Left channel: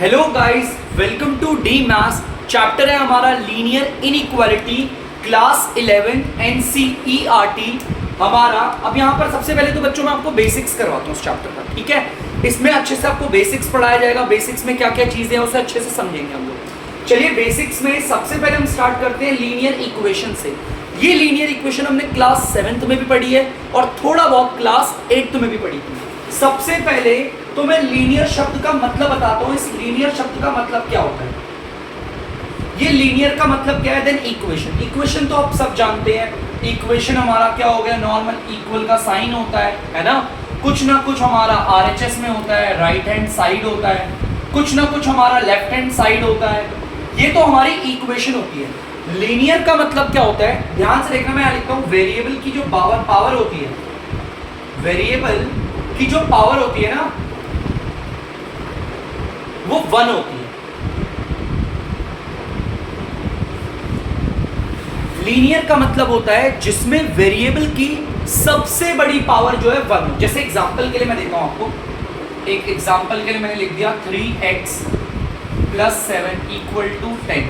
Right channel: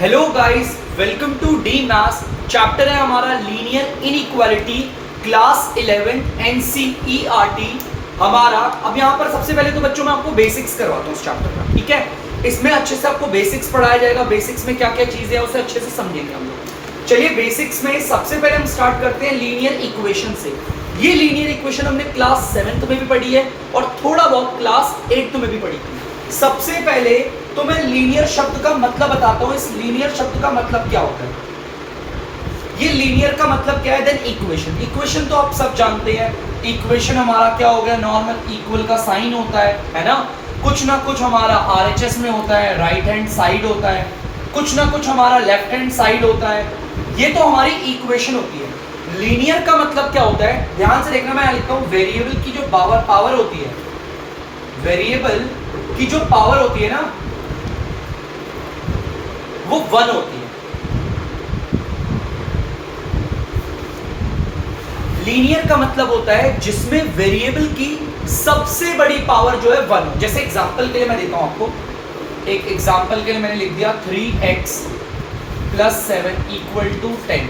Hello guys, welcome to the maths. Chapter है हमारा linear inequality, class 11 NCERT हमारा। अब यहाँ पर सबसे पहले तो बच्चों में आपको बेसिक्स करवाता हूँ इस चैप्टर का, ठीक है। इसमें अच्छे से आपको बेसिक्स पढ़ाया जाएगा। बेसिक्स में क्या क्या चीजें हैं उसे अच्छे से समझेंगे हम लोग। चलिए बेसिक्स में सबसे पहले हम स्टार्ट करते हैं लीनियर इक्वेशन से। ये लीनियर इक्वेशन हमने क्लास 7th में भी पढ़ी है और थोड़ा बहुत क्लास 8th में भी पढ़ी थी। सबसे पहले तो मैं लीनियर शब्द का मतलब बताता हूं। इस लीनियर शब्द का मतलब क्या होता है? ये लीनियर का मतलब क्या है? Then equation. इक्वेशन तो आप सब जानते हैं। इक्वेशन हमारा क्या हो गया? नॉर्मल इक्वल का साइन होता है ना। कुछ ना कुछ हमारा आरएचएस में होता है, राइट हैंड साइड होता है, कुछ ना कुछ हमारा लेफ्ट हैंड साइड होता है। ये तो हमारी इक्वेशन होती है। लीनियर का मतलब क्या होता है? ध्यान से देखना, मैं लिखता हूं वेरिएबल की जो पावर होती है, वेरिएबल की जो पावर होती है ना वो 1 होती है। लीनियर का मतलब होता है जिसमें वेरिएबल की सबसे बड़ी पावर जो है 1 हो। जैसे एग्जांपल के लिए मैं देता हूं आपको, एक एग्जांपल के लिए मैंने लिख दिया 3x + 7 = 10।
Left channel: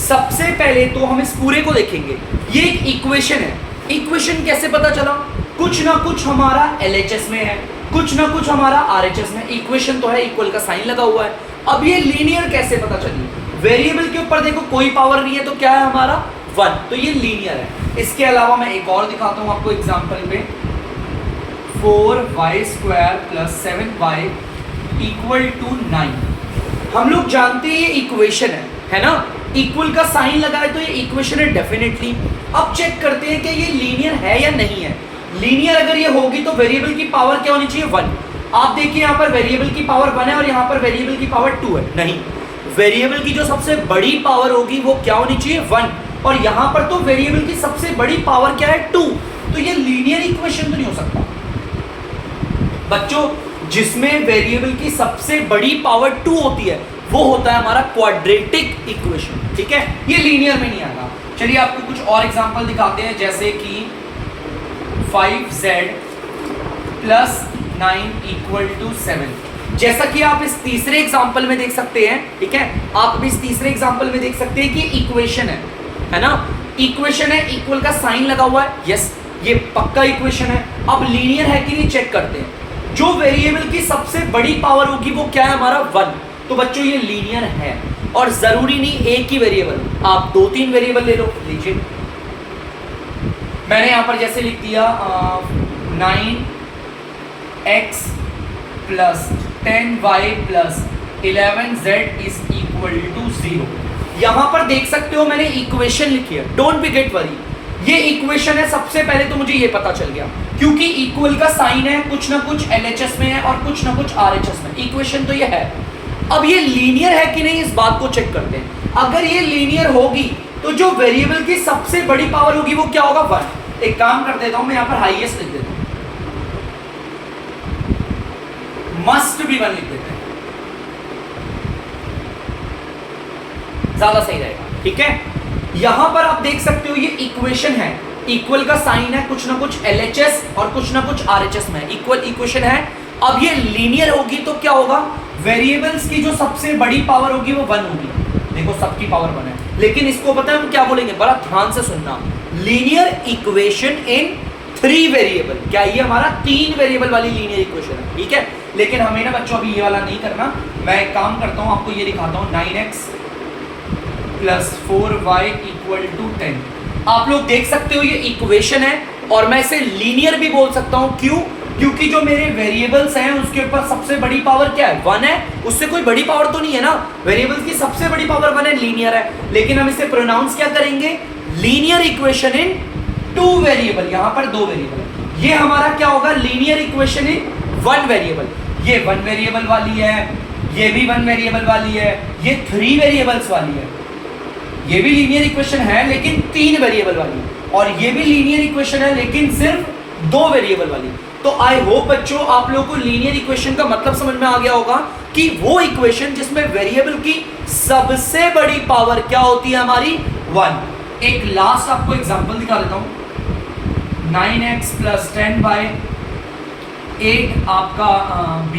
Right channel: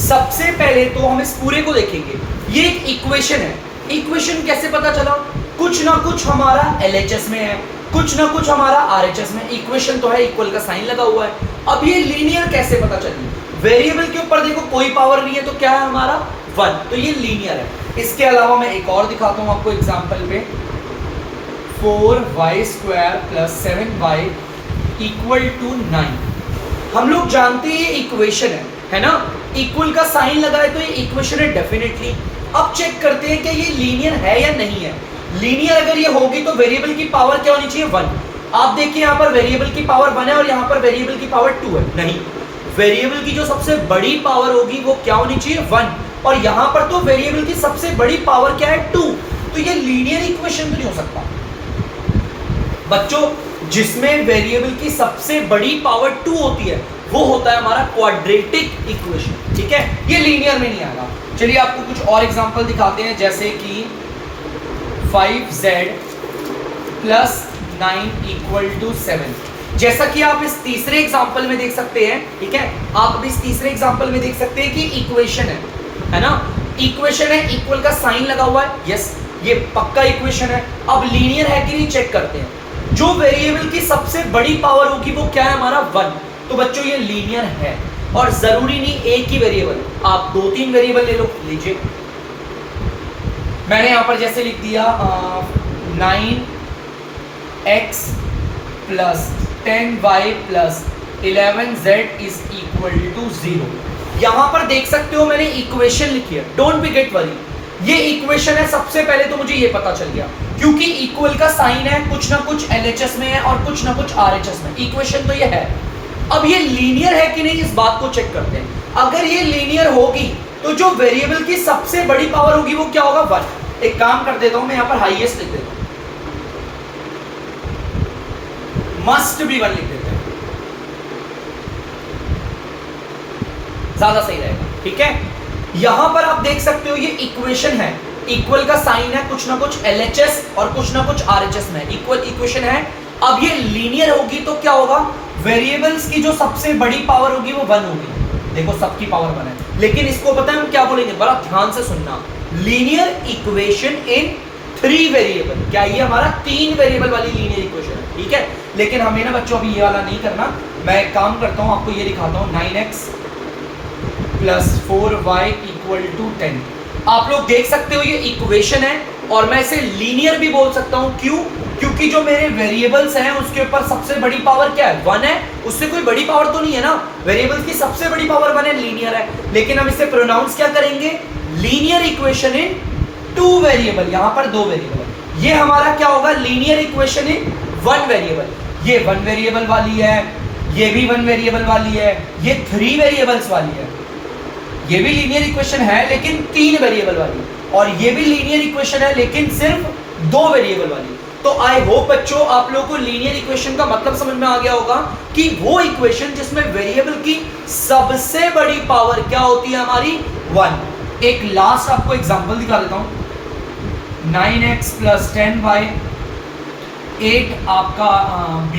सबसे पहले तो हम इस पूरे को देखेंगे। ये एक इक्वेशन है। इक्वेशन कैसे पता चला? कुछ ना कुछ हमारा एलएचएस में है, कुछ ना कुछ हमारा आरएचएस में। इक्वेशन तो है, इक्वल का साइन लगा हुआ है। अब ये लीनियर कैसे पता चली? वेरिएबल के ऊपर देखो कोई पावर नहीं है तो क्या है हमारा? 1, तो ये लीनियर है। इसके अलावा मैं एक और दिखाता हूं आपको एग्जांपल पे। 4y² + 7y = 9। हम लोग जानते हैं ये इक्वेशन है ना। इक्वल का साइन लगा है तो ये इक्वेशन है डेफिनेटली। अब चेक करते हैं कि ये लीनियर है या नहीं है। लीनियर अगर ये होगी तो वेरिएबल की पावर क्या होनी चाहिए? 1। आप देखिए यहाँ पर वेरिएबल की पावर 1 है और यहाँ पर वेरिएबल की पावर 2 है। नहीं, वेरिएबल की जो सबसे बड़ी पावर होगी वो क्या होनी चाहिए? 1। और यहाँ पर तो वेरिएबल की सबसे बड़ी पावर क्या है? 2। तो ये लीनियर इक्वेशन तो नहीं हो सकता बच्चों। जिसमें वेरिएबल की सबसे बड़ी पावर 2 होती है वो होता है हमारा क्वाड्रेटिक इक्वेशन, ठीक है। ये लीनियर में नहीं आएगा। चलिए आपको कुछ और एग्जांपल दिखाते हैं, जैसे कि 5z + 9 = 7। जैसा कि आप इस तीसरे एग्जांपल में देख सकते हैं, ठीक है। आप इस तीसरे एग्जांपल में देख सकते हैं कि इक्वेशन है ना। इक्वेशन है, इक्वल का साइन लगा हुआ है। यस, ये पक्का इक्वेशन है। अब लीनियर है कि नहीं चेक करते हैं। जो वेरिएबल की सबसे बड़ी पावर होगी वो क्या है हमारा? 1। तो बच्चों ये लीनियर है। और जरूरी नहीं एक ही वेरिएबल, आप 2-3 वेरिएबल ले लो। लीजिए मैंने यहां पर जैसे लिख दिया 9x + 10y + 11z = 0। यहां पर देख सकते हो मैंने इक्वेशन लिखी है। डोंट बी गेट वरी, ये इक्वेशन है। सबसे पहले तो मुझे ये पता चल गया क्योंकि इक्वल का साइन है, कुछ ना कुछ एलएचएस में है और कुछ ना कुछ आरएचएस में। इक्वेशन तो ये है। अब ये लीनियर है कि नहीं इस बात को चेक करते हैं। अगर ये लीनियर होगी तो जो वेरिएबल की सबसे बड़ी पावर होगी वो क्या होगा? 1। एक काम कर देता हूं, मैं यहां पर हाईएस्ट लिख देता हूं, मस्ट बी 1 लिख देते हैं, ज्यादा सही रहेगा, ठीक है। यहां पर आप देख सकते हो ये इक्वेशन है, इक्वल का साइन है, कुछ ना कुछ एलएचएस और कुछ ना कुछ आरएचएस में। इक्वल इक्वेशन है। अब ये लीनियर होगी तो क्या होगा? वेरिएबल्स की जो सबसे बड़ी पावर होगी वो 1 होगी। देखो सबकी पावर 1 है, लेकिन इसको पता है हम क्या बोलेंगे? बड़ा ध्यान से सुनना। Linear equation in 3 variable. क्या ये हमारा 3 वेरिएबल वाली लीनियर इक्वेशन है, ठीक है। लेकिन हमें ना बच्चों अभी ये वाला नहीं करना। मैं एक काम करता हूं, आपको ये दिखाता हूं। 9x + 4y = 10। आप लोग देख सकते हो ये इक्वेशन है और मैं इसे लीनियर भी बोल सकता हूं। क्यों? क्योंकि जो मेरे वेरिएबल्स हैं उसके ऊपर सबसे बड़ी पावर क्या है? 1 है। उससे कोई बड़ी पावर तो नहीं है ना। वेरिएबल्स की सबसे बड़ी पावर 1 है, लीनियर है। लेकिन हम इसे प्रोनाउंस क्या करेंगे? Linear equation in 2 variable. यहां पर 2 वेरिएबल है। ये हमारा क्या होगा? Linear equation in 1 variable. ये 1 वेरिएबल वाली है, ये भी 1 वेरिएबल वाली है, ये 3 वेरिएबल्स वाली है। ये भी लीनियर इक्वेशन है लेकिन 3 वेरिएबल वाली, और ये भी लीनियर इक्वेशन है लेकिन सिर्फ 2 वेरिएबल वाली। तो आई होप बच्चों आप लोगों को लीनियर इक्वेशन का मतलब समझ में आ गया होगा कि वो इक्वेशन जिसमें वेरिएबल की सबसे बड़ी पावर क्या होती है? हमारी 1। एक लास्ट आपको एग्जांपल दिखा देता हूं। 9x + 10y 8 आपका b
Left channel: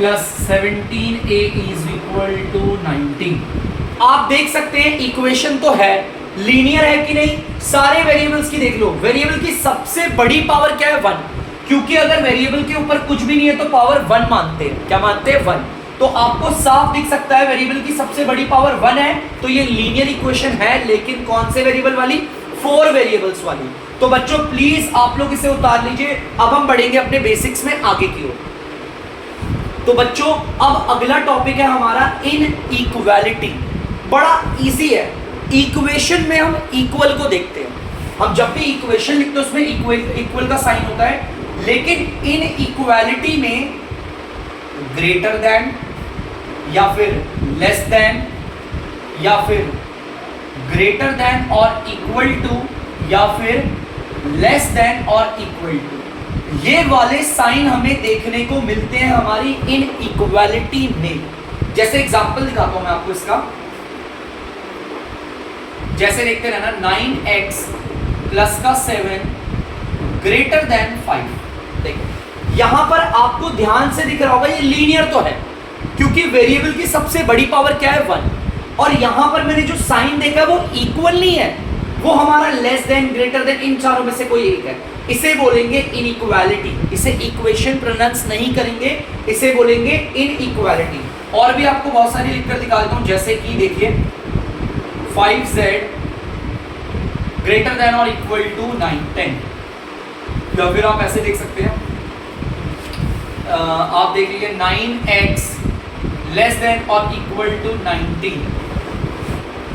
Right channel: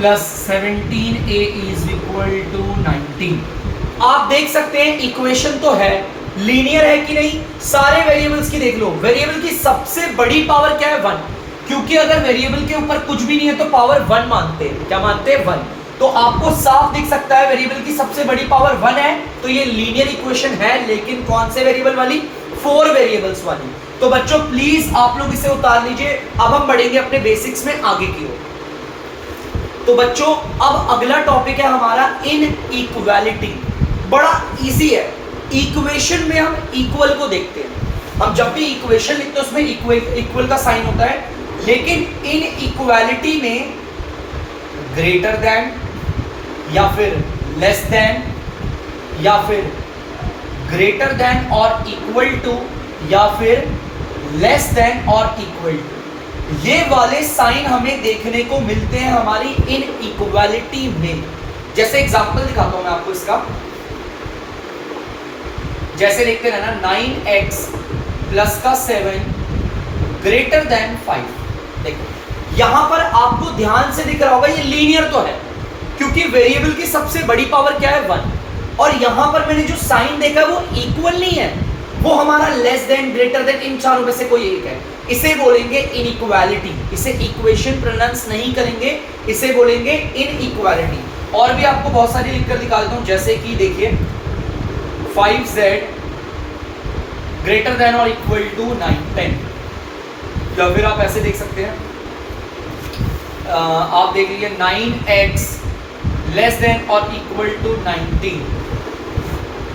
plus 17a is equal to 19। आप देख सकते हैं इक्वेशन तो है, लीनियर है कि नहीं। सारे वेरिएबल्स की देख लो, वेरिएबल की सबसे बड़ी पावर क्या है 1, क्योंकि अगर वेरिएबल के ऊपर कुछ भी नहीं है तो पावर 1 मानते हैं। क्या मानते हैं 1। तो आपको साफ दिख सकता है वेरिएबल की सबसे बड़ी पावर 1 है, तो ये लीनियर इक्वेशन है, लेकिन कौन से वेरिएबल वाली, 4 वेरिएबल्स वाली। तो बच्चों प्लीज आप लोग इसे उतार लीजिए। अब हम बढ़ेंगे अपने बेसिक्स में आगे की ओर। तो बच्चों अब अगला टॉपिक है हमारा इनइक्वालिटी। बड़ा इजी है, इक्वेशन में हम इक्वल को देखते हैं। हम जब भी इक्वेशन लिखते हैं उसमें इक्वल का साइन होता है, लेकिन इनइक्वालिटी में ग्रेटर देन या फिर लेस देन या फिर ग्रेटर देन और इक्वल टू या फिर लेस देन और इक्वल टू, ये वाले साइन हमें देखने को मिलते हैं हमारी इनइक्वालिटी में। जैसे एग्जांपल दिखाता हूं मैं आपको इसका, जैसे देखते हैं ना 9x प्लस का 7 ग्रेटर देन 5। देखो यहां पर आपको ध्यान से दिख रहा होगा ये लीनियर तो है, क्योंकि वेरिएबल की सबसे बड़ी पावर क्या है 1, और यहां पर मैंने जो साइन देखा वो इक्वल नहीं है, वो हमारा लेस देन, ग्रेटर देन, इन चारों में से कोई एक है। इसे बोलेंगे इनइक्वालिटी। इसे इक्वेशन प्रोनाउंस नहीं करेंगे, इसे बोलेंगे इनइक्वालिटी। और भी आपको बहुत सारी लिखकर दिखा देता हूं, जैसे कि देखिए 5z ग्रेटर देन और इक्वल टू 10, या फिर आप ऐसे देख सकते हैं, आप देख लीजिए 9x लेस देन और इक्वल टू 19,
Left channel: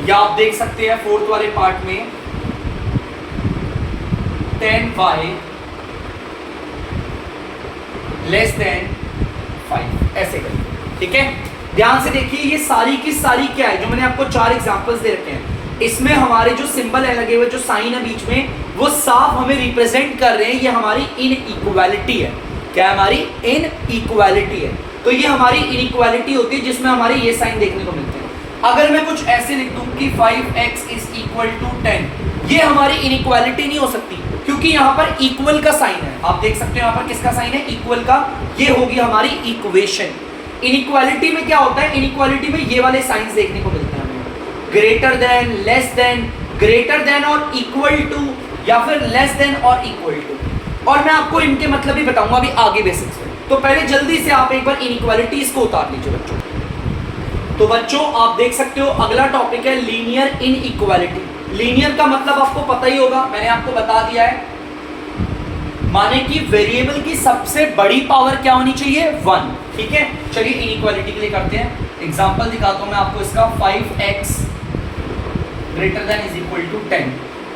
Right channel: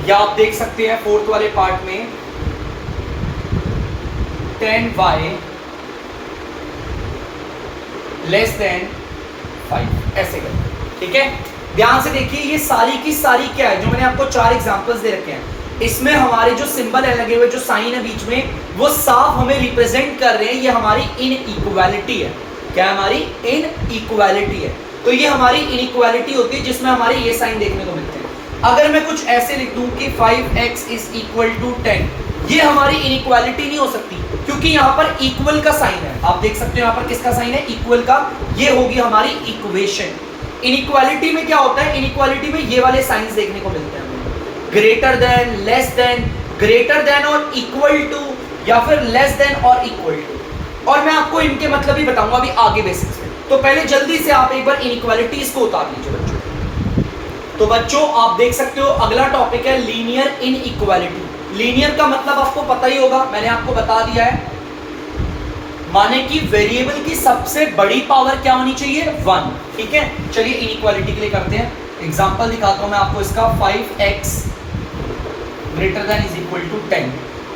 या आप देख सकते हैं फोर्थ वाले पार्ट में 10y लेस देन 5, ऐसे करके। ठीक है, ध्यान से देखिए ये सारी की सारी क्या है, जो मैंने आपको 4 एग्जांपल्स दे रखे हैं, इसमें हमारे जो सिंबल है लगे हुए, जो साइन है बीच में, वो साफ हमें रिप्रेजेंट कर रहे हैं ये हमारी इनइक्वालिटी है। क्या हमारी इनइक्वालिटी है। तो ये हमारी इनइक्वालिटी होती है जिसमें हमारे ये साइन देखने को मिलते हैं। अगर मैं कुछ ऐसे लिख दूं कि 5x इज इक्वल टू 10, ये हमारी इनइक्वालिटी नहीं हो सकती, क्योंकि यहाँ पर इक्वल का साइन है। आप देख सकते हो यहाँ पर किसका साइन है, इक्वल का। ये होगी हमारी इक्वेशन। इनइक्वालिटी में क्या होता है, इनइक्वालिटी में ये वाले साइंस देखने को मिलते हैं, greater than, less than, greater than और इक्वल टू, या फिर लेस देन और इक्वल टू। और मैं आपको इनके मतलब ही बताऊंगा अभी आगे बेसिक्स में। तो पहले जल्दी से आप एक बार इनइक्वालिटीज को उतार लीजिए बच्चों। तो बच्चों आप देख सकते हो अगला टॉपिक है लीनियर इनइक्वालिटी। लीनियर का मतलब आपको पता ही होगा, मैंने आपको बता दिया है, माने कि वेरिएबल की सबसे बड़ी पावर क्या होनी चाहिए 1। ठीक है, चलिए इनइक्वालिटी के लिए करते हैं एग्जांपल दिखाता हूं मैं आपको इसका। 5x greater than is equal to 10।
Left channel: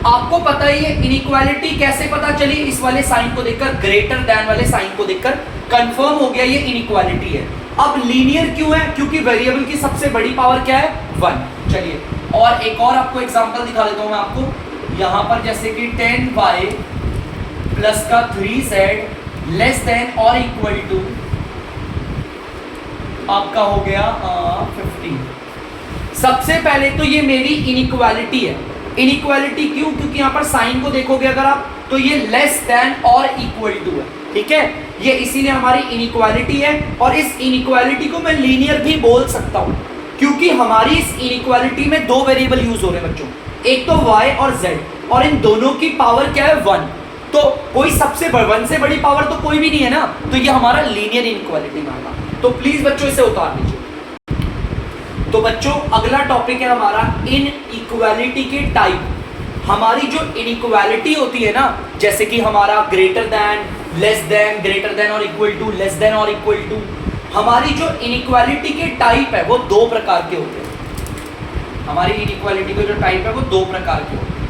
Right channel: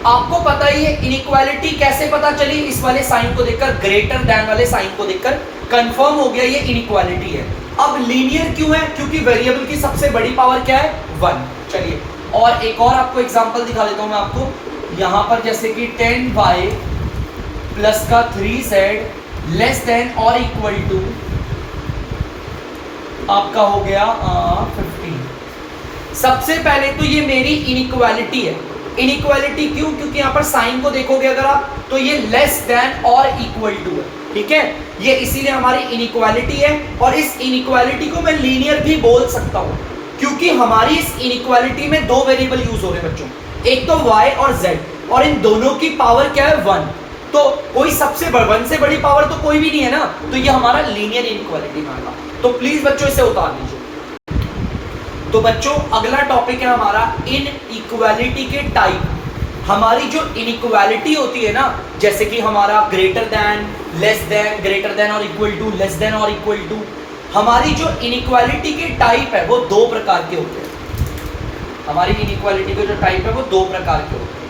आपको पता ही है इनइक्वालिटी कैसे पता चली, इस वाले साइन को देखकर, ग्रेटर देन वाले साइन को देखकर कंफर्म हो गया ये इनइक्वालिटी है। अब लीनियर क्यों है, क्योंकि वेरिएबल की सबसे बड़ी पावर क्या है 1। चलिए और एक और आपको एग्जांपल दिखा देता हूं मैं आपको, यहां पर जैसे कि 10y प्लस का 3z लेस देन और इक्वल टू आपका हो गया 15। सबसे पहले तो ये मेरी इनइक्वालिटी है। इनइक्वालिटी क्यों, क्योंकि यहाँ पर साइन को देखोगे अगर आप, तो ये लेस देन और इक्वल टू है। ठीक है, ये इसीलिए हमारी इनइक्वालिटी है। और इस इनइक्वालिटी को मैं लीनियर भी बोल सकता हूँ, क्योंकि हमारी इस इनइक्वालिटी में 2 वेरिएबल यूज हो रहे हैं बच्चों, एक तो y और z, और इन दोनों की पावर क्या है 1। तो कोई सबसे 1 से बड़ी पावर तो कोई भी नहीं है ना, तो ये हमारा लीनियर इनइक्वालिटी माना। तो प्लीज बच्चों इसे उतार लीजिए। तो बच्चों अगला टॉपिक है हमारा इनइक्वालिटी के टाइप। हमारी जो इनइक्वालिटी होती है ना, जैसे कि हमारा greater than, less than, greater than और इक्वल टू, लेस देन और इक्वल टू, हमारी जो इनइक्वालिटी के टाइप है वो 2 प्रकार के होते हैं। हमारी इनइक्वालिटी के जो टाइप है वो 2 प्रकार के होते हैं।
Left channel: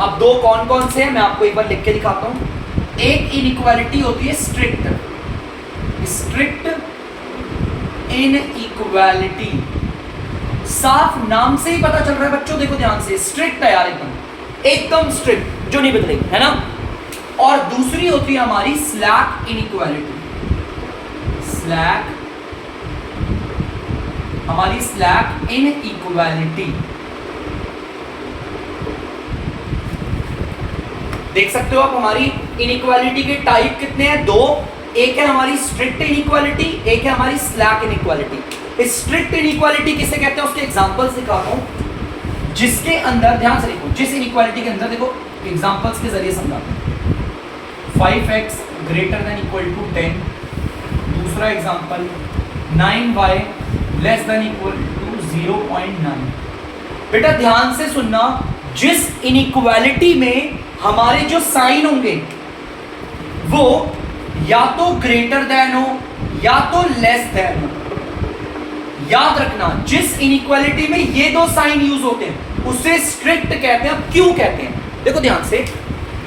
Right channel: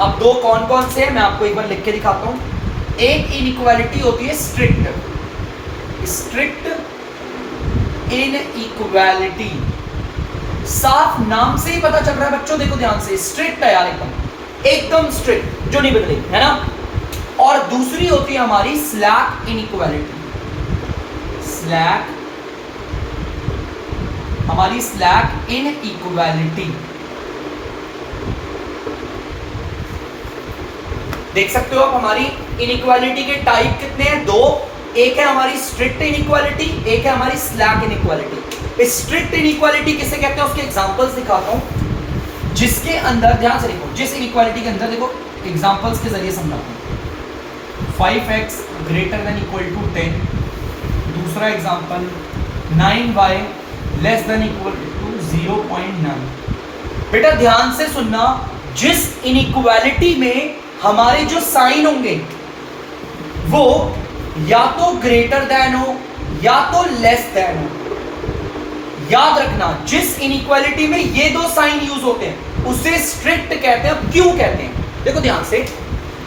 अब 2 कौन कौन से हैं मैं आपको एक बार लिख के दिखाता हूं। एक इनइक्वालिटी होती है स्ट्रिक्ट इनइक्वालिटी। साफ नाम से ही पता चल रहा है बच्चों, देखो ध्यान से, स्ट्रिक्ट है यार, एकदम स्ट्रिक्ट, जो नहीं बदलेगी, है ना। और दूसरी होती है हमारी स्लैक इनइक्वालिटी। हमारी स्लैक इनइक्वालिटी, देख सकते हो आप हमारी इनइक्वालिटी के टाइप कितने हैं, 2। एक है हमारी स्ट्रिक्ट इनइक्वालिटी, एक है हमारी स्लैक इनइक्वालिटी। स्ट्रिक्ट इनइक्वालिटी किसे कहते हैं उसके एग्जांपल्स दिखाता हूं, जिसके अंदर ध्यान से देखो, जिस इनइक्वालिटी के अंदर देखो एग्जांपल्स के जरिए समझाता हूं। 5x greater then equal to 10, दूसरा example 9y less than equal to 0.9। बेटा ध्यान से सुनना, जिस इनइक्वालिटी में हमारे जो साइन होंगे वो या तो ग्रेटर देन हो या तो लेस देन हो। याद रखना, जिस इनइक्वालिटी में ये दो साइन यूज होते हैं उसे स्ट्रिक्ट कहते हैं। अब क्यों कहते हैं, देखो ध्यान से,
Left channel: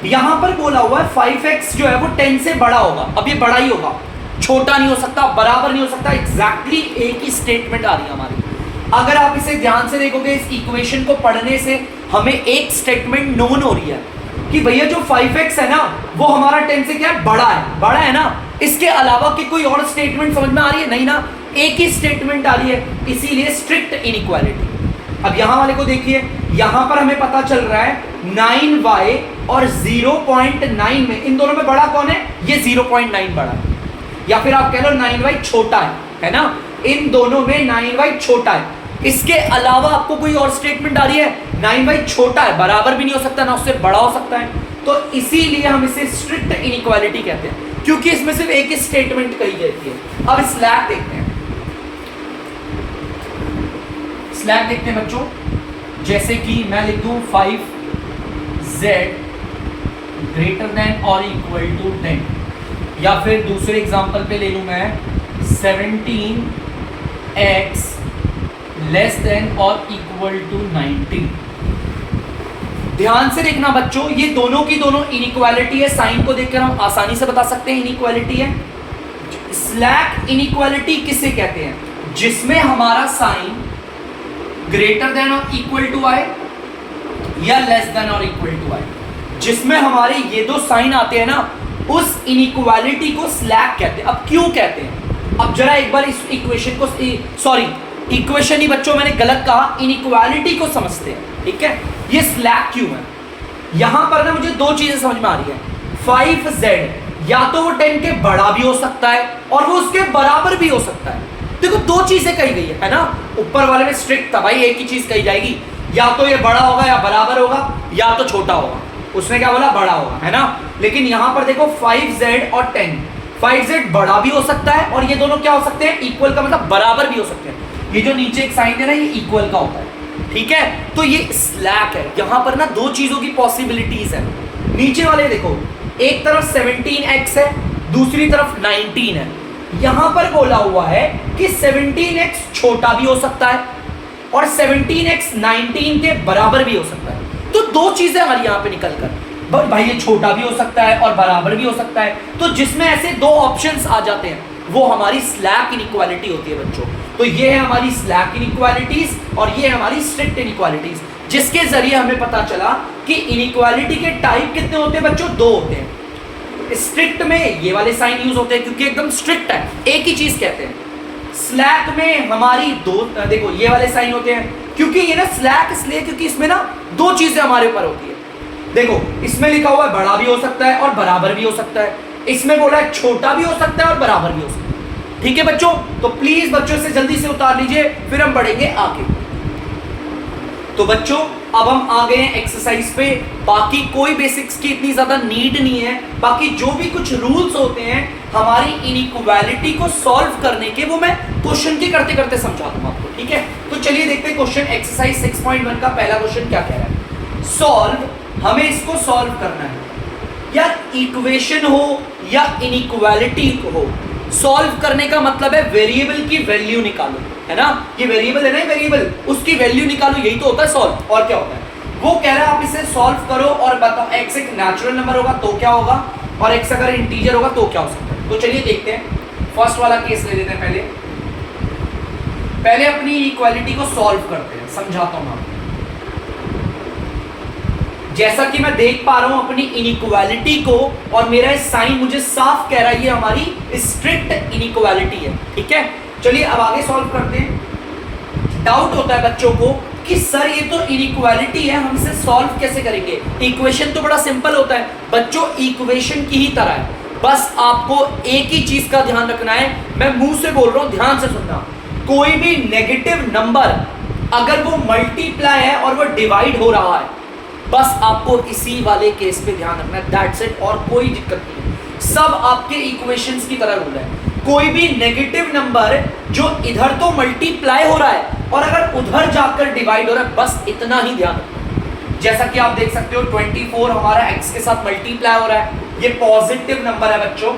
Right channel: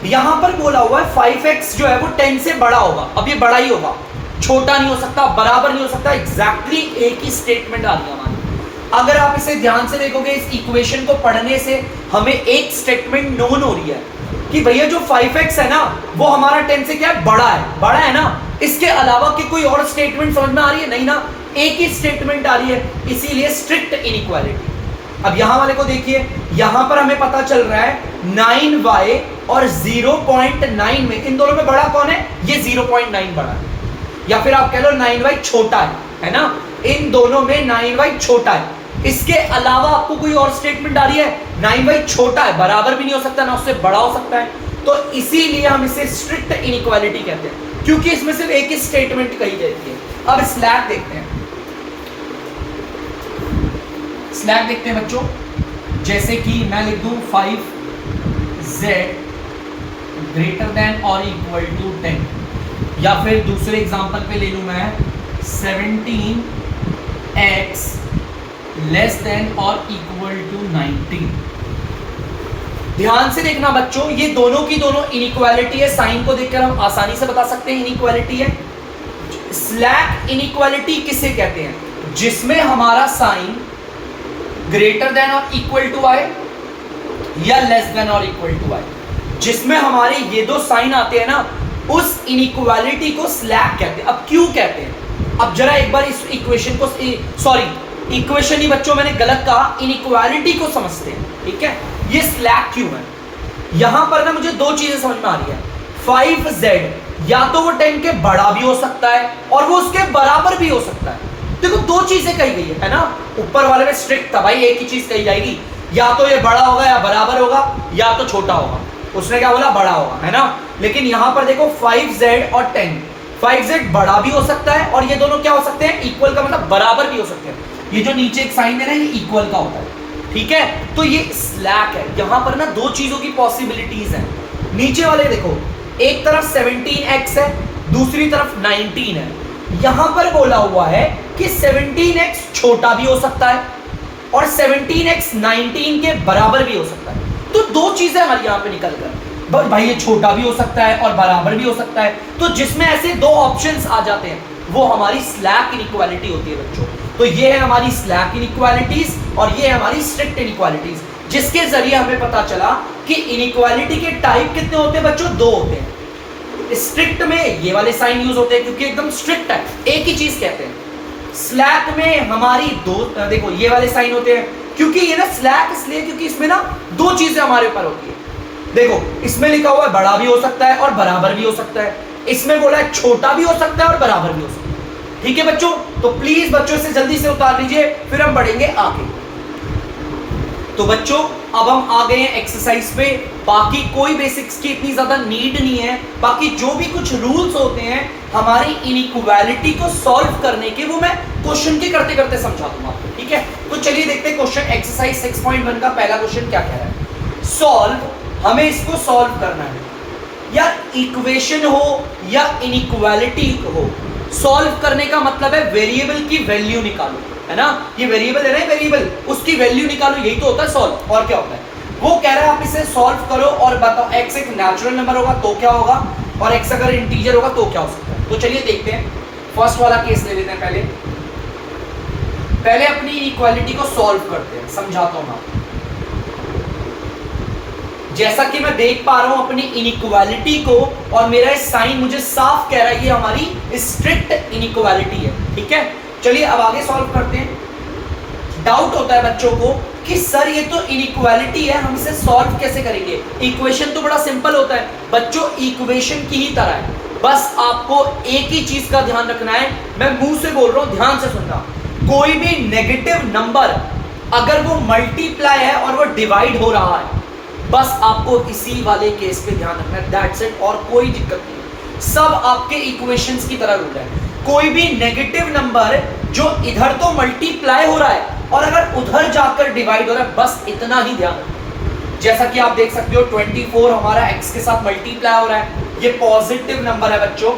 यहां पर बोला हुआ है 5x जो है वो 10 से बड़ा होगा। अब ये बड़ा ही होगा, छोटा नहीं हो सकता, बराबर नहीं हो सकता। एग्जैक्टली एक ही स्टेटमेंट आ रही है हमारी। अगर आप इसे ध्यान से देखोगे, इस इक्वेशन को पढ़ने से हमें एक स्टेटमेंट नोन हो रही है कि भैया जो 5x है ना वो हमारा 10 से क्या है, बड़ा है ना। इसके अलावा की कोई और स्टेटमेंट समझ में आ रही है? नहीं ना, एक ही स्टेटमेंट आ रही है, इसीलिए स्ट्रिक्ट इनइक्वालिटी। अब यहां वाले को देखिए, यहां पर हमें पता चल रहा है 9y और 0.9 में इन दोनों में बड़ा कौन है? ये 0.9 बड़ा है, या फिर आप कह लो 9y छोटा है ना। इन दोनों में 9y छोटा है। इसके अलावा आपको कोई और स्टेटमेंट आ रही है? 9y छोटा है, बराबर भी नहीं हो सकता ना उससे बड़ा हो सकता है। तो इसीलिए हम इसे स्ट्रिक्ट इनइक्वालिटी कहते हैं, क्योंकि इसमें सिर्फ एक ही स्टेटमेंट कही जाती है। अब स्लैक देखते हैं, स्लैक देखते हैं बच्चों। जैसे कि मैं लिख दूं 5z ग्रेटर देन और इक्वल टू 10, या फिर दूसरे एग्जांपल पे ले लूं मैं 17x लेस देन और इक्वल टू 19। ध्यान से देखना बच्चों, ये दोनों की दोनों इनइक्वालिटी है। साइन को देखकर हम आसानी से बता सकते हैं इनइक्वालिटी है। स्लैक इनइक्वालिटी किसे कहते हैं? जिसमें हमारा साइन ग्रेटर देन और इक्वल टू आए या लेस देन और इक्वल टू आए, जिसमें हमारे ये दो साइन आते हैं ना, उस इनइक्वालिटी को स्लैक कहते हैं। अब क्यों कहते हैं? अब जरा एक बार इस इक्वेशन को, सॉरी इक्वेशन ही बच्चों मैंने गलत कहा, इनइक्वालिटी को समझते हैं। ठीक है, ये स्लैक क्यों है? यहां पर ना मुझे दो चीजें समझ में आ रही है। 5z या तो वो 10 के बड़ा भी हो सकता है और वो उसके बराबर भी हो सकता है। देखो दो चीजें कही गई है ना। ऊपर वाले में स्ट्रिक्ट था भाई, एक ही चीज कही जाएगी, या तो ये बड़ा होगा या बराबर होगा या तो छोटा होगा। उसने क्या बोला? बड़ा होगा, है ना। लेकिन यहां पर देखो 5z और 10, 5z बड़ा भी हो सकता है और ये दोनों क्या हो सकते हैं? इक्वल का मतलब बराबर भी हो सकते हैं। ये जो नीचे एक साइन है ना, ये इक्वल का होता है। ठीक है, तो ये स्लैक है। यहां पर ना दो चीजों की पॉसिबिलिटीज है। नीचे वाले देखो, एक तरफ 17x है, दूसरी तरफ 19 है। यहां पर बोला हुआ है कि 17x छोटा भी हो सकता है और 17x 19 के बराबर भी हो सकता है। तो दो चीजें हमारी यहां पे निकल कर, भाई ये छोटा भी हो सकता है और बराबर भी हो सकता है। तो जिसमें ऐसे दो ऑप्शंस आ जाते हैं वो हमारी स्लैक इनइक्वालिटी होती है बच्चों। तो ये है हमारी स्लैक इनइक्वालिटीज और ये है हमारी स्ट्रिक्ट इनइक्वालिटीज, जिसके जरिए हमें पता चला कि इनइक्वालिटी के टाइप कितने होते हैं बच्चों? दो होते हैं। स्ट्रिक्ट में ये वाले साइन यूज होते हैं क्योंकि एकदम स्ट्रिक्ट है, एक ही चीज कहते हैं। स्लैक में हमारी दो, देखो ये वाले साइन होते हैं क्योंकि ये ना स्लैक इसलिए क्योंकि इसमें ना दो चीजें हमारे ऊपर होती है। देखो इसमें लिखा हुआ है बड़ा भी हो सकता है और बराबर भी हो सकता है, इसमें बोला है छोटा भी हो सकता है और बराबर भी हो सकता है। ठीक है बच्चों, तो प्लीज बच्चों से जल्दी से उतार लीजिए, फिर हम बढ़ेंगे आगे। तो बच्चों अब हम आ गए हैं एक्सरसाइज पे। बाकी कोई बेसिक्स की इतनी ज्यादा नीड नहीं है, बाकी जो भी कुछ रूल्स होते हैं हमारी इनइक्वालिटी को सॉल्व करने के, वो मैं क्वेश्चन के करते करते समझा दूंगा आपको। ठीक है, तो चलिए देखते हैं क्वेश्चन एक्सरसाइज 6.1 का पहला क्वेश्चन क्या कह रहा है। सॉल्व, हमें इसको सॉल्व करना है, या इक्वेशन हो या इनइक्वालिटी हो। सॉल्व करने का मतलब है वेरिएबल की वैल्यू निकालो, है ना। ये वेरिएबल है ना, वेरिएबल उसकी वैल्यू निकालो, यही तो होता है सॉल्व। और क्या होता है? वो कह रहा है आप इसे सॉल्व करो और बताओ x एक नेचुरल नंबर होगा तो क्या होगा और x अगर इंटीजर होगा तो क्या हो सकता है। तो चलिए देखते हैं, फर्स्ट वाला केस ले लेते हैं। पहले अपनी इक्वालिटी को सॉल्व करते हैं, समझाता हूं आपको। जैसा कि मैं देख पा रहा हूं अपनी इनइक्वालिटी को, और मेरा साइन मुझे साफ कह रहा है ये हमारी स्ट्रिक्ट इनइक्वालिटी है। ठीक है, चलिए अब आगे सॉल्व करते हैं। डाउट होता है बच्चों को कि सर ये तो इनइक्वालिटी है, हम इसे सॉल्व कैसे करेंगे? इक्वेशन तो बड़ा सिंपल होता है बच्चों, इक्वेशन की ही तरह है। बस आपको एक ही चीज का ध्यान रखना है, मैं मुंह से बोल रहा हूं, ध्यान से सुनना। कोई भी नेगेटिव नंबर अगर वो मल्टीप्लाई है और वो डिवाइड हो रहा है, बस आपको इसी वाले केस पे ध्यान रखना है, दैट्स इट, और कोई दिक्कत नहीं। सब आपके इक्वेशंस की तरह रूल है। कोई भी नेगेटिव नंबर जो इधर तो मल्टीप्लाई हो रहा है और अगर उधर जाकर डिवाइड हो रहा है, बस इतना ही ध्यान रखना। जैसा कि आप देख सकते हो 24 हमारा x के साथ मल्टीप्लाई हो रहा है, ये पॉजिटिव नंबर है बच्चों।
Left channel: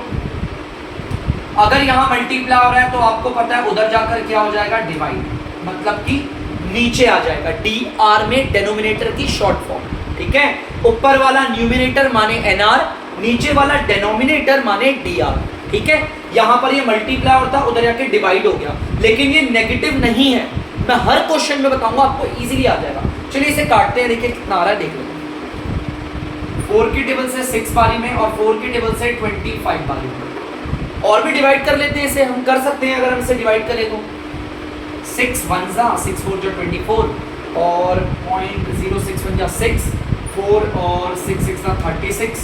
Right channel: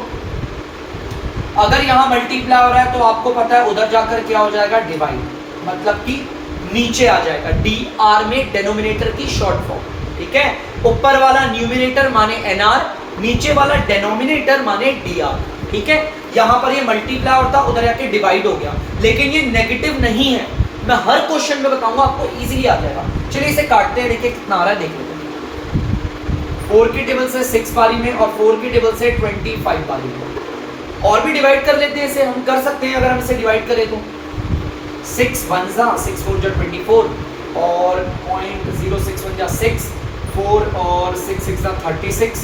अगर यहां मल्टीप्लाई हो रहा है तो आपको पता है उधर जाकर क्या हो जाएगा, डिवाइड, मतलब कि नीचे आ जाएगा। dr में डेनोमिनेटर की शॉर्ट फॉर्म, ठीक है। ऊपर वाला न्यूमिनेटर माने nr, नीचे वाला डेनोमिनेटर माने dr, ठीक है। यहां पर ये मल्टीप्लाई होता, उधर जाके डिवाइड हो गया, लेकिन ये नेगेटिव नहीं है। मैं हर क्वेश्चन में बताऊंगा, आपको इजीली आ जाएगा। चलिए इसे काटते हैं, देखिए कितना आ रहा है, देख लो। 4 की टेबल से 6 बारी में और 4 की टेबल से 25 बारी में। और भी डिवाइड कर लेते हैं, इसे हम कर सकते हैं। अगर हम इसे डिवाइड करें तो 6 1 जा 6 4 जा 24 और 0.06 जा 6 4 और 6 6 जा 36।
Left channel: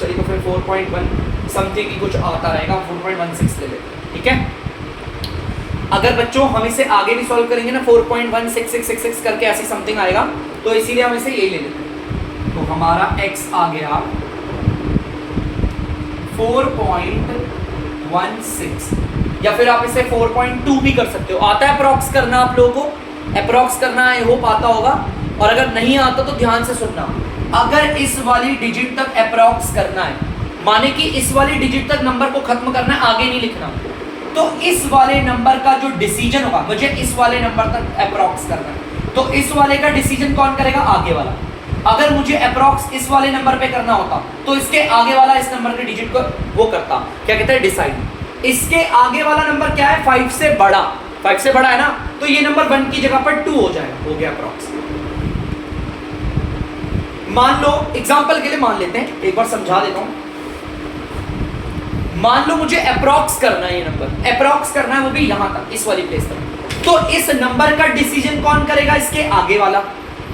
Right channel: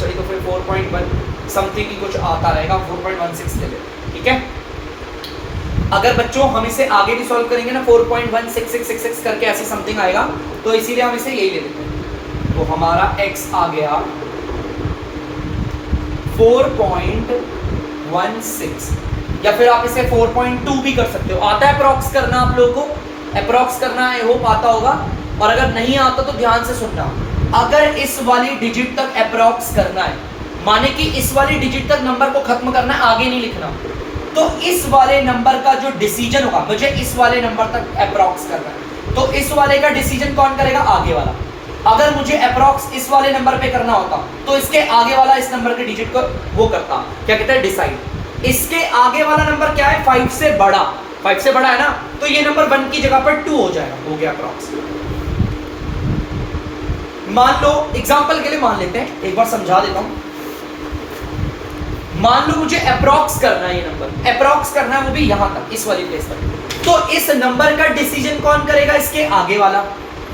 चलिए तो फिर 4.1 समथिंग की कुछ आता रहेगा, 4.16 ले ले, ठीक है। अगर बच्चों हम इसे आगे भी सॉल्व करेंगे ना, 4.16666 करके ऐसे समथिंग आएगा, तो इसीलिए हम इसे यही ले लेते हैं। तो हमारा x आ गया 4.16, या फिर आप इसे 4.2 भी कर सकते हो। आता है अप्रॉक्स करना आप लोगों को? अप्रॉक्स करना आई होप आता होगा, और अगर नहीं आता तो ध्यान से सुनना। अगर इस वाली डिजिट तक अप्रॉक्स करना है, माने कि इस वाली डिजिट तक नंबर को खत्म करना है, आगे नहीं लिखना, तो इस वाले नंबर का जो डिसीजन होगा, मुझे इस वाले नंबर तक अप्रॉक्स करना है, तो इस वाले का डिसीजन कौन करेगा? आगे वाला। अगर मुझे अप्रॉक्स इस वाले नंबर पे करना होता तो इसके आगे वाला इस नंबर के डिजिट को वो करता, क्या कहते हैं, डिसाइड। इसके आगे वाला नंबर क्या है? 5 से बड़ा, 5 से बड़ा है ना, तो ये नंबर 1 की जगह पर 2 हो जाएगा, हो गया अप्रॉक्स। मान लो एग्जांपल के लिए मान लेते हैं, एक बार समझा देता हूं। मान लो मुझे अप्रॉक्स करना है, ये नंबर अप्रॉक्स करना है, वो भी यहां तक, इस वाली प्लेस तक, तो इस नंबर का डिसीजन कौन करेगा? इसके आगे वाला।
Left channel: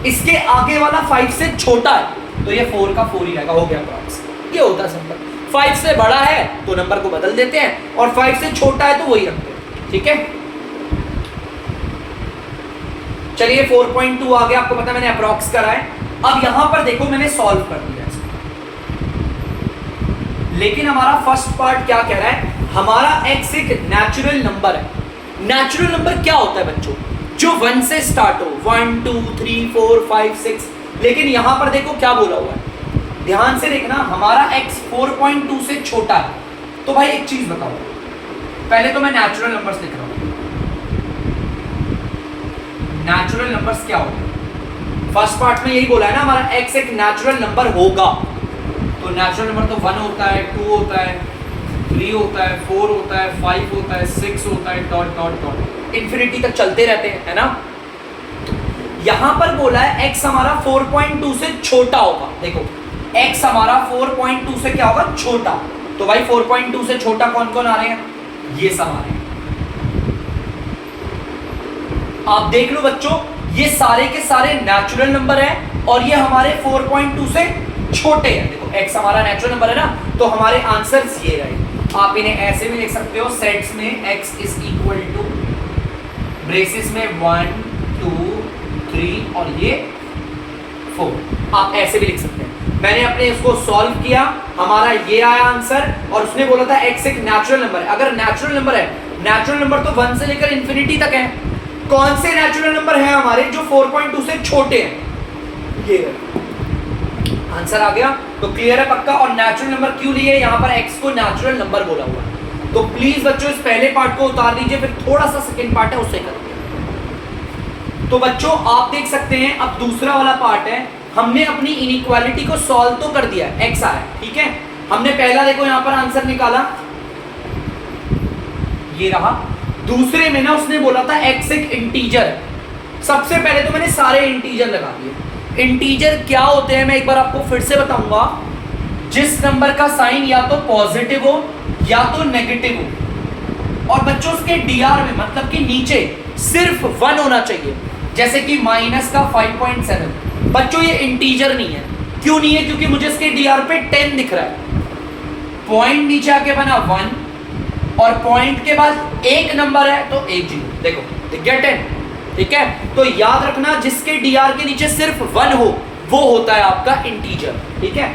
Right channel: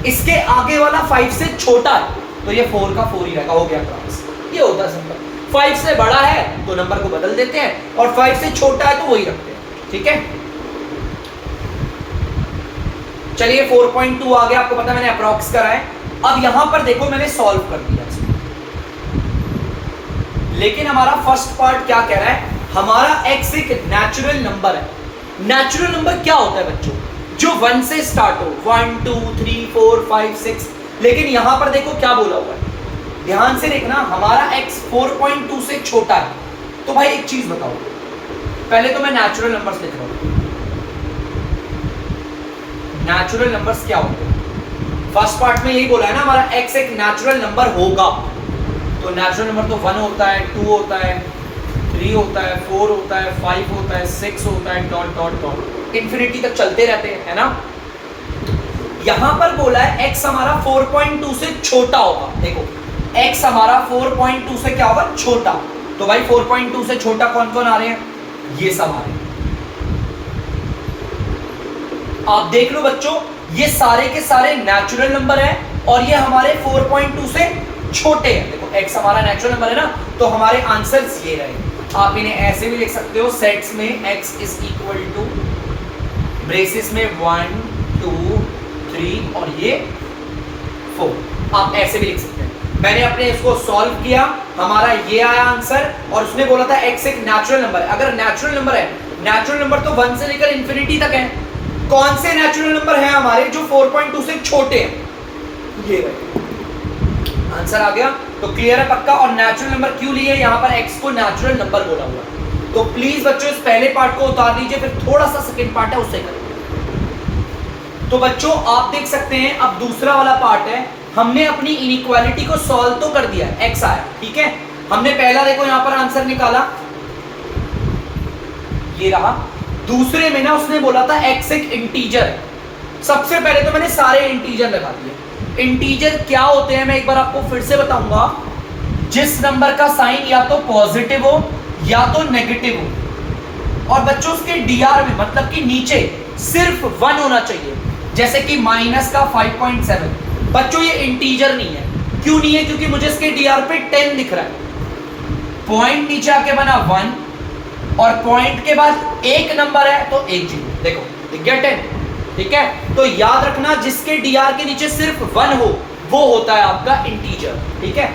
इसके आगे वाला 5 से छोटा है तो ये 4 का 4 ही रहेगा, हो गया अप्रॉक्स। ये होता है सिंपल। 5 से बड़ा है तो नंबर को बदल देते हैं, और 5 से छोटा है तो वही रखते हैं, ठीक है। चलिए 4.2 आ गया, आपको पता है मैंने अप्रॉक्स करा है। अब यहां पर देखो मैंने सॉल्व कर दिया इसको, लेकिन हमारा फर्स्ट पार्ट क्या कह रहा है? हमारा x एक नेचुरल नंबर है। नेचुरल नंबर क्या होता है बच्चों? जो 1 से स्टार्ट हो, 1 2 3 4 5 6। लेकिन यहां पर देखो क्या बोला हुआ है, ध्यान से देखना। हमारा x 4.2 से छोटा है, तो भाई एक चीज बताओ, पहले तो मैं नेचुरल नंबर्स लिख रहा हूं। नेचुरल नंबर्स क्या होते हैं? फर्स्ट पार्ट में यही बोला है ना, हमारा x एक नेचुरल नंबर होगा। तो नेचुरल नंबर तो 1 होता है, 2 होता है, 3 होता है, 4 होता है, 5 होता है, 6 होता है, डॉट डॉट डॉट इंफिनिटी तक चलते रहते हैं, है ना। यहां पर बोला है x हमारा 4.2 से छोटा होगा। देखो x हमारा 4.2 से क्या होगा? छोटा। तो भाई 4.2 से छोटा कौन कौन आ रहे हैं? ये सब आ रहे हैं। आप देख लो बच्चों, ये सारे के सारे नेचुरल नंबर है और ये हमारे 4.2 से छोटे हैं। देखो x हमारा नेचुरल नंबर है ना, तो हमारे आंसर्स ये रहे। आप इन्हें ऐसे भी लिख सकते हो, सेट्स में x is equal to braces में 1 2 3 और ये 4। आप ऐसे भी लिख सकते हैं। मैंने अपने इसको सॉल्व किया, हमारा ये आया आंसर, और उसने बोला था x एक नेचुरल नंबर है। अगर नेचुरल नंबर है, नेचुरल नंबर तो 1 से लेकर इंफिनिटी तक है। कौन से नेचुरल नंबर हैं हमारे जो 4.2 से छोटे हैं? ये आंसर आ गया। तो क्लियर है पक्का? और नेचुरल नंबर क्यों लिए? यहाँ पर x को नेचुरल नंबर बोला हुआ। तो प्लीज बच्चों इस पहले पार्ट को उतार लीजिए, फिर थोड़ा सा सेकंड पार्ट है उससे करेंगे। तो बच्चों आप देख सकते हैं, अब दूसरा वाला पार्ट है। हमने अपनी इनइक्वालिटी को सॉल्व तो कर दिया, x आया, ठीक है। हमने पहला देखो यहाँ पर आंसर निकाला, ये रहा। दूसरे में ना उसने बोला था x एक इंटीजर है। सबसे पहले तो मैंने सारे इंटीजर लगा दिए। इंटीजर क्या होते हैं मैं एक बार आपको फिर से बताऊंगा। जिस नंबर का साइन या तो पॉजिटिव हो या तो नेगेटिव हो, और बच्चों उसके डीआर में मतलब कि नीचे सिर्फ 1 होना चाहिए। जैसे कि माइनस का 5.7। बच्चों ये इंटीजर नहीं है। क्यों नहीं है? क्योंकि मुझे इसके डीआर पे 10 दिख रहा है। पॉइंट नीचे आके बना 1 और पॉइंट के बाद एक नंबर है तो एक जीरो। देखो दिख गया 10, ठीक है। तो याद रखना जिसके डीआर के नीचे सिर्फ 1 हो वो होता है आपका इंटीजर, ठीक है।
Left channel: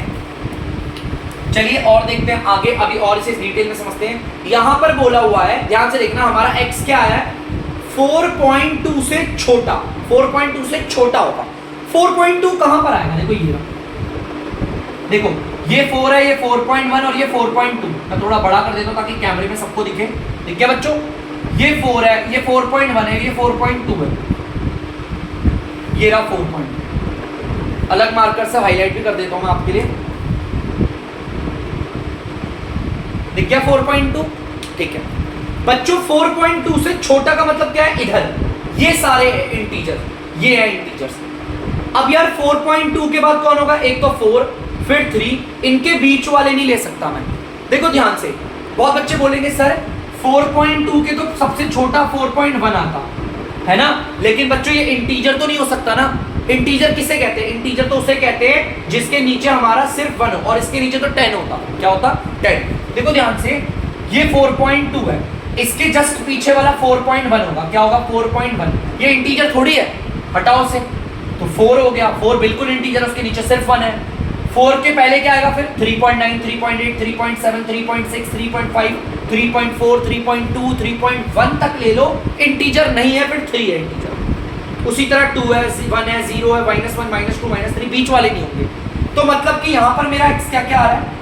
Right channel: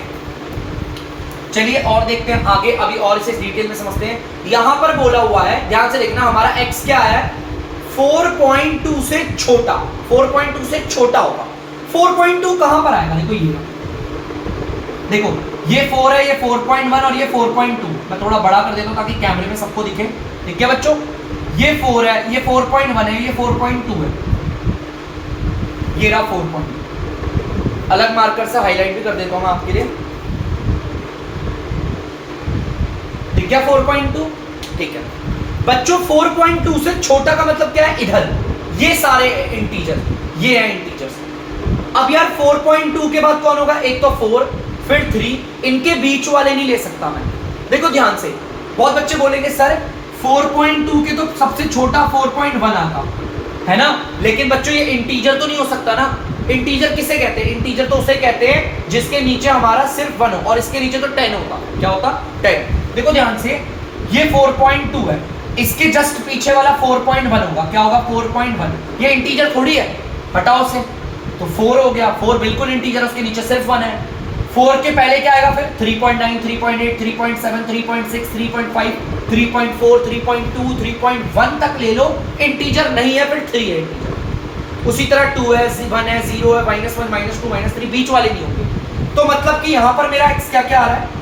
चलिए और देखते हैं आगे, अभी और इसे डिटेल में समझते हैं। यहां पर बोला हुआ है, ध्यान से देखना, हमारा x क्या है 4.2 से छोटा, 4.2 से छोटा होगा। 4.2 कहां पर आएगा, देखो ये देखो ये 4 है, ये 4.1 और ये 4.2। मैं थोड़ा बड़ा कर देता हूं ताकि कैमरे में सबको दिखे। ठीक है बच्चों, ये 4 है, ये 4.1 है, ये 4.2 है, ये रहा 4.2। अलग मार्कर से हाईलाइट भी कर देता हूं मैं आपके लिए। दिख गया 4.2, ठीक है बच्चों। 4.2 से छोटा का मतलब क्या है, इधर ये सारे इंटीजर, ये है इंटीजर्स। अब यार 4.2 के बाद कौन होगा, एक तो 4 फिर 3, इनके बीच वाले नहीं ले सकता मैं। देखो ध्यान से, बहुत बच्चे बोलेंगे सर 4.2 के तो सबसे छोटा 4.1 आता है ना, लेकिन बच्चों ये इंटीजर तो नहीं हो सकता ना। इंटीजर किसे कहते हैं, इंटीजर तो उसे कहते हैं जिसके नीचे हमारा सिर्फ 1 हो और इसके नीचे तो 10 होगा। क्या होता, 10। देखो ध्यान से, ये 4.2 है, इसके जस्ट पीछे वाला 4.1 होगा। क्या होगा 4.1, ये इंटीजर थोड़ी है, हटाओ से, तो 4 हो गया। 4 बिल्कुल इंटीजर, उसके नीचे सिर्फ 1 है। 4 के पहले क्या आएगा फिर 3.9, 3.8, 3.7, 3.6, 3.5, 3.4, 3.2, 3.1 तक ले लो, इंटीजर नहीं है, फिर 3 है इंटीजर। उसी तरह 2 है, 1 है, 0 है, -1, -2, -3, बीच वाले नहीं होंगे। तो मतलब कि यहां पर मेरा x क्या क्या आ रहा है,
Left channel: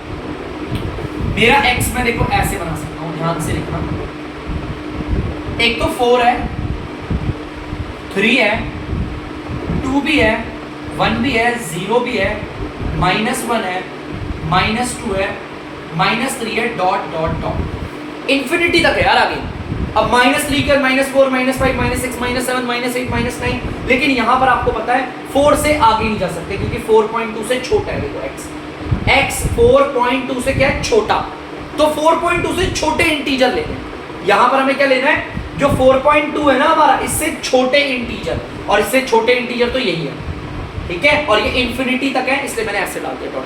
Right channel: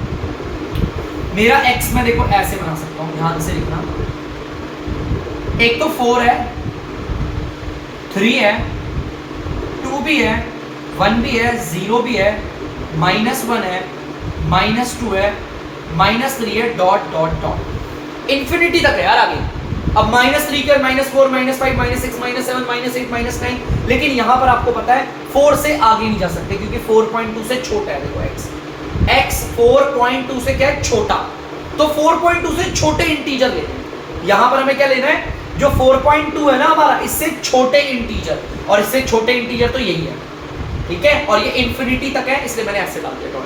मेरा x मैं देखो ऐसे बना सकता हूं, ध्यान से लिखना। एक तो 4 है, 3 है, 2 भी है, 1 भी है, 0 भी है, -1 है, -2 है, -3 है, डॉट डॉट डॉट इंफिनिटी तक है यार आगे। अब -3 कर -4, -5, -6, -7, -8, -9, लेकिन यहां पर आपको पता है 4 से आगे नहीं जा सकते क्योंकि 4.2 से छोटा है। देखो x 4.2 से क्या है, छोटा, तो 4.2 से छोटे इंटीजर लेने हैं। यहां पर हमें क्या लेना है, जो 4.2 है ना हमारा, इससे छोटे इंटीजर, और इससे छोटे इंटीजर तो यही है, ठीक है। और ये इंफिनिटी तक है, इसलिए मैंने ऐसे डाल दिया।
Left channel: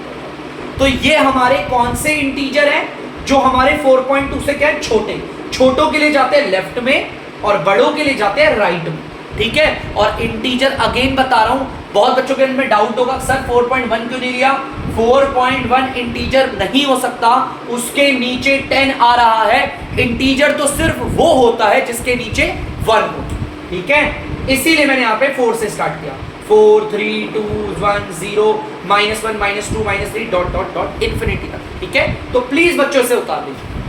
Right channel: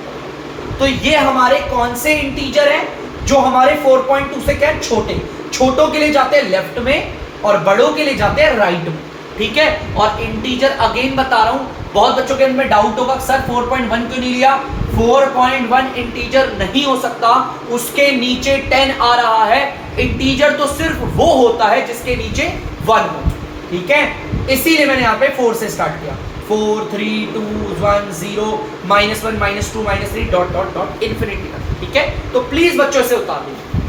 तो ये हमारे कौन से इंटीजर हैं जो हमारे 4.2 से क्या है, छोटे। छोटों के लिए जाते हैं लेफ्ट में और बड़ों के लिए जाते हैं राइट में, ठीक है। और इंटीजर अगेन बता रहा हूं, बहुत बच्चों के मन में डाउट होगा सर 4.1 क्यों नहीं लिया। 4.1 इंटीजर नहीं हो सकता, उसके नीचे 10 आ रहा है। इंटीजर तो सिर्फ वो होता है जिसके नीचे 1 हो, ठीक है। इसीलिए मैंने यहाँ पे 4 से स्टार्ट किया, 4, 3, 2, 1, 0, -1, -2, -3, डॉट डॉट डॉट इंफिनिटी तक, ठीक है। तो प्लीज बच्चों से उतार दीजिए।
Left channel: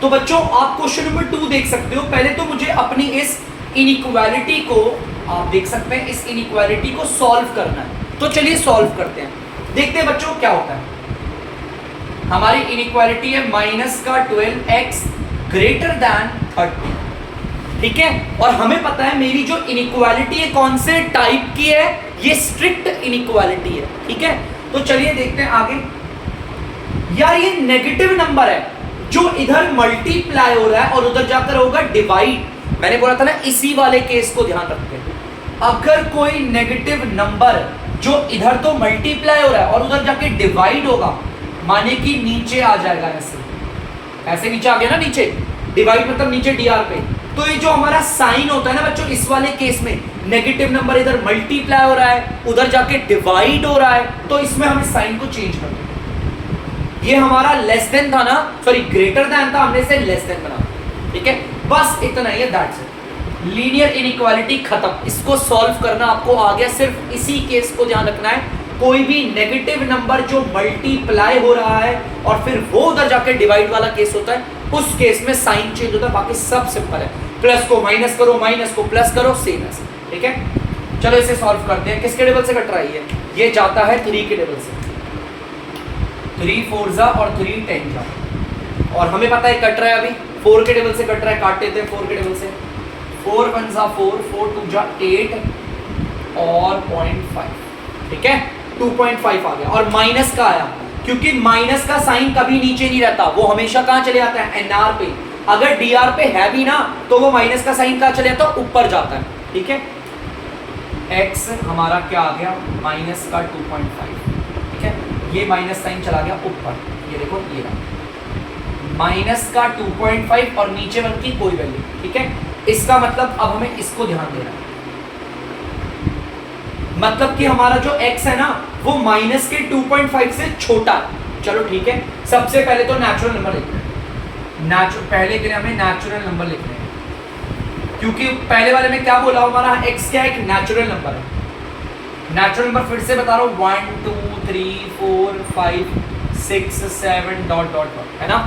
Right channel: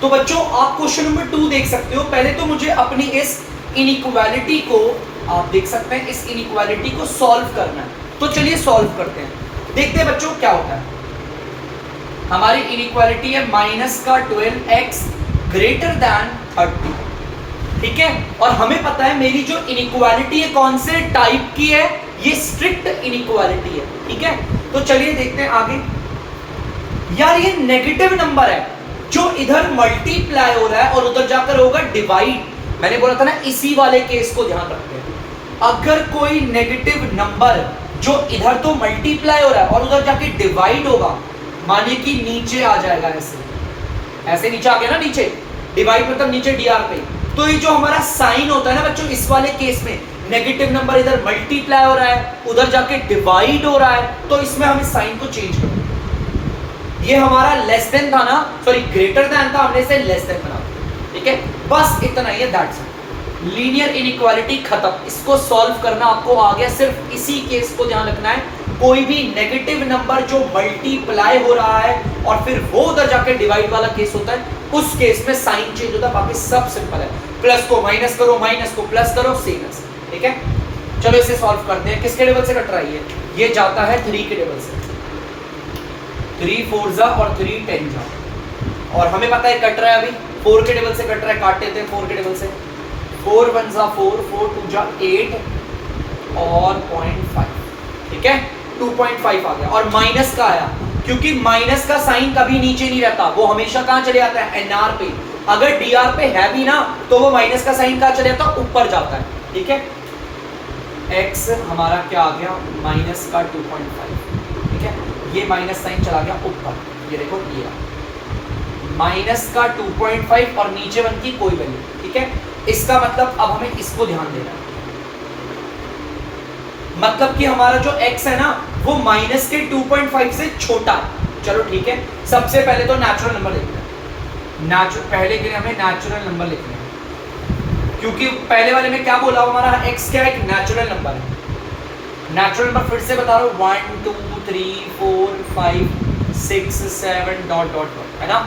तो बच्चों आप क्वेश्चन नंबर 2 देख सकते हो। पहले तो मुझे अपनी इस इनइक्वालिटी को, आप देख सकते हैं, इस इनइक्वालिटी को सॉल्व करना है। तो चलिए सॉल्व करते हैं, देखते हैं बच्चों क्या होता है। हमारी इनइक्वालिटी है -12x ग्रेटर देन 30, ठीक है। और हमें पता है मेरी जो इनइक्वालिटी है कौन से टाइप की है, ये स्ट्रिक्ट इनइक्वालिटी है, ठीक है। तो चलिए देखते हैं आगे। यार ये नेगेटिव नंबर है जो इधर मल्टीप्लाई हो रहा है और उधर जाकर होगा डिवाइड। मैंने बोला था ना, इसी वाले केस को ध्यान रखते हैं। अगर कोई नेगेटिव नंबर जो इधर तो मल्टीप्लाई हो रहा है और उधर जाके डिवाइड होगा, माने कि नीचे आ जाएगा, ऐसे नीचे आ गया ना, नीचे डिवाइड मतलब नीचे डीआर पे। तो ये जो हमारा साइन होता है ना बच्चों, इस वाले केस में नेगेटिव नंबर इधर मल्टीप्लाई हो रहा है, उधर जाके डिवाइड हो रहा है, तो इसमें हमें साइन को चेंज करना है। ये हमारा लेस देन था ना, सॉरी ग्रेटर देन था, हमने इसे लेस देन बना, ठीक है। बस इतना ही है, दैट्स इट। लीनियर इनइक्वालिटी खत्म। इसको सॉल्व करना आपको आ गया, सिर्फ इसी केस को ध्यान रखना है। कोई भी नेगेटिव नंबर जो मल्टीप्लाई हो रहा है और फिर वो उधर जाके डिवाइड वाला केस होता है, उस केस में साइन चेंज होता है, बाकी सब सिंपल है। प्लस को माइनस करो, माइनस को प्लस करो, सेम है, ठीक है। चलो इसे सॉल्व करते हैं। किसके टेबल से कट रहा है ये जाता है 3 के टेबल से। 3 4 जा और 3 10 जा, और हमें पता है कट रहा है अभी 4 के टेबल से कट रहा है, काट देते हैं 4 के टेबल से। 4 1 जा 4, 4 2 जा 8 और 0.5, ठीक है। 2.5 आ गया। और माइनस का आया क्योंकि माइनस का साइन कभी नीचे नहीं रहता, वो हमेशा कहाँ चले जाता है, एनआर पे। अगर डीआर पे है भी ना तो वो माइनस का साइन कहाँ चले जाता है, ऊपर जाता है, ठीक है। x हमारा क्या आ गया, माइनस का 2.5, ठीक है। ये माइनस साइन चला गया ऊपर, ये देखो ये माइनस का 2.5 और नीचे वन की कोई वैल्यू, ठीक है। इसका मतलब अब हमें इसको ध्यान देना है, मतलब कि हमारा जो x है ना वो माइनस के 2.5 से छोटा है। चलो ठीक है, सबसे पहले तो नेचुरल नंबर लिखते हैं। पहले के लिए हमें नेचुरल नंबर लिखने हैं, क्योंकि पहले वाले में क्या बोला हमारा x क्या है, एक नेचुरल नंबर है। नेचुरल नंबर फिर से बता रहा हूँ 1 2 3 4 5 6 7 डॉट डॉट डॉट, है ना।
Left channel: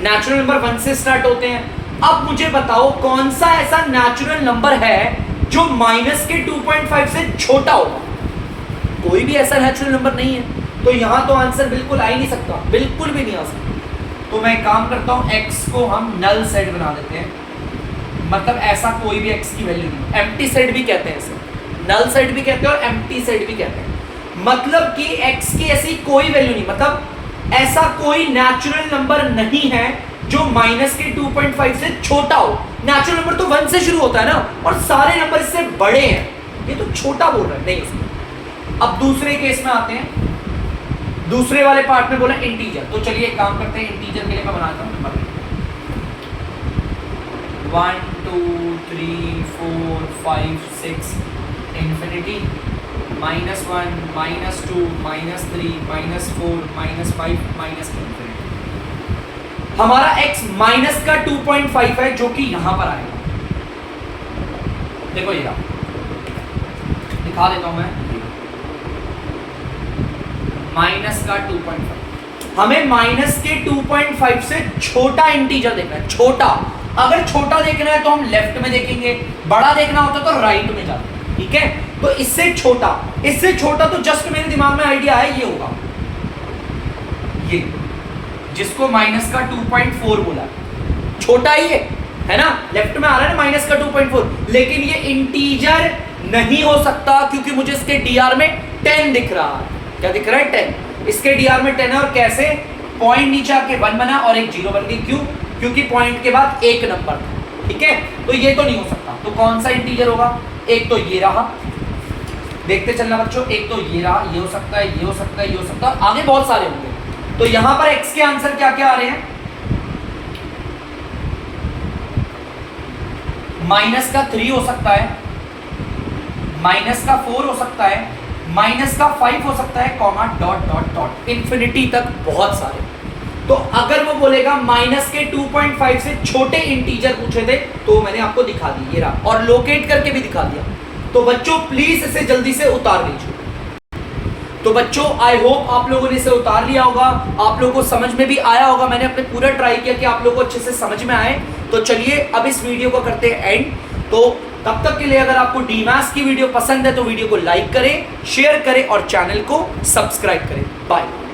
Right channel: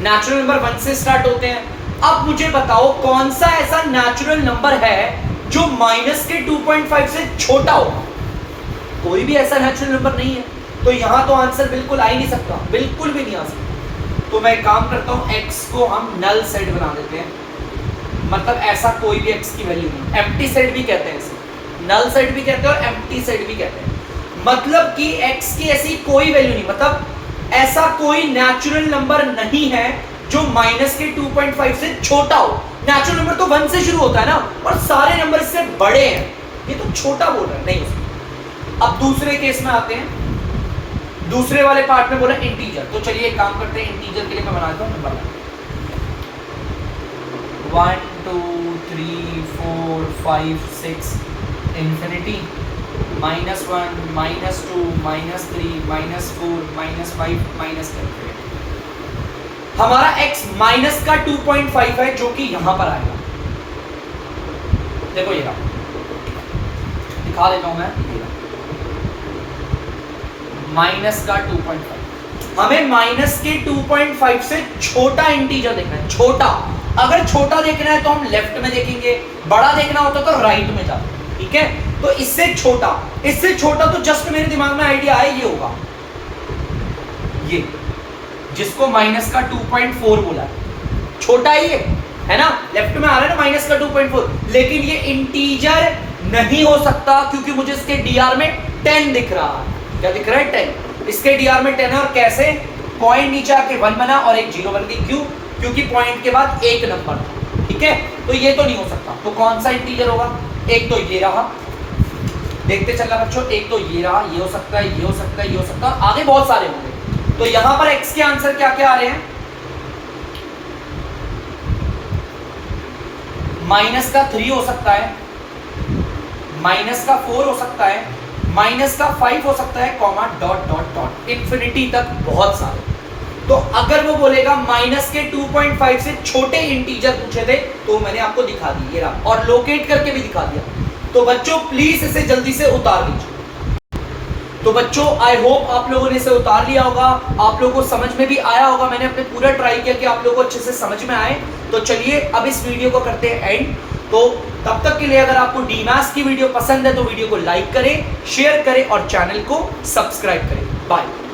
नेचुरल नंबर 1 से स्टार्ट होते हैं। अब मुझे बताओ कौन सा ऐसा नेचुरल नंबर है जो माइनस के 2.5 से छोटा होगा। कोई भी ऐसा नेचुरल नंबर नहीं है, तो यहां तो आंसर बिल्कुल आ ही नहीं सकता, बिल्कुल भी नहीं आ सकता। तो मैं काम करता हूं x को हम नल सेट बना देते हैं, मतलब ऐसा कोई भी x की वैल्यू नहीं। एम्प्टी सेट भी कहते हैं इसे, नल सेट भी कहते हैं और एम्प्टी सेट भी कहते हैं। मतलब कि x की ऐसी कोई वैल्यू नहीं, मतलब ऐसा कोई नेचुरल नंबर नहीं है जो माइनस के 2.5 से छोटा हो। नेचुरल नंबर तो 1 से शुरू होता है ना, और सारे नंबर इससे बड़े हैं, ये तो छोटा बोल रहा है नहीं उसमें। अब दूसरे केस में आते हैं, दूसरे वाले पार्ट में बोला इंटीजर, तो चलिए एक काम करते हैं, इंटीजर के लिए मैं बनाता हूं नंबर 1 2 3 4 5 6 इंफिनिटी -1 -2 -3 -4 -5 -10। हमारा x माइनस का 2.5 है जो कि यहां पर आएगा। देखो ये रहा, दिखा देता हूं मैं, माइनस का 2.5। हमें माइनस के 2.5 से छोटा इंटीजर देखना है, छोटा। अगर छोटा देखना है तो हम लेफ्ट में देखेंगे, बड़ा देखना होता तो राइट में जाते हैं, ठीक है। तो इससे छोटा तो जस्ट मेरे दिमाग में आइडिया है, ये होगा ये, जिसको माइनस का 2.4 बोला, छोटा ही है ना, लेफ्ट में आ रहा है ना माइनस का 2.4, लेकिन ये इंटीजर नहीं हो सकता क्योंकि मुझे इसके डीआर में 10 दिख रहा है। क्या दिख रहा है? 10। इसके डीआर में 10 है, और कैसे? पॉइंट नीचे आके 1 बना और एक 0 बन गई। क्यों? क्योंकि पॉइंट के बाद एक नंबर, ठीक है। तो ये तो नहीं हो सकता, तो कौन सा इंटीजर होगा? एक तो ये रहा, देखते चलना बच्चों, एक तो ये रहा, ये हो सकता है, ये हो सकता है, ये हो सकता है, आगे बहुत सारे होंगे। तो यहां पर x के आंसर क्या क्या आ रहे हैं? माइनस का 3 हो सकता है, माइनस का 4 हो सकता है, माइनस का 5 हो सकता है, comma dot dot dot infinity तक बहुत सारे। तो अगर वो बोलेगा माइनस के 2.5 से छोटे इंटीजर पूछे थे तो मैंने आपको दिखा दी, ये रहा, और लोकेट करके भी दिखा दिया। तो बच्चों प्लीज इसे जल्दी से उतार लीजिए। तो बच्चों आई होप आप लोगों ने इसे उतार लिया होगा, आप लोगों को समझ में भी आया होगा। मैंने अपने पूरा ट्राई किया कि आप लोगों को अच्छे से समझ में आए। तो चलिए अब इस वीडियो को करते हैं एंड। तो तब तक के लिए अगर आपको डीमैथ्स की वीडियो पसंद है तो वीडियो को लाइक करें, शेयर करें और चैनल को सब्सक्राइब करें। बाय।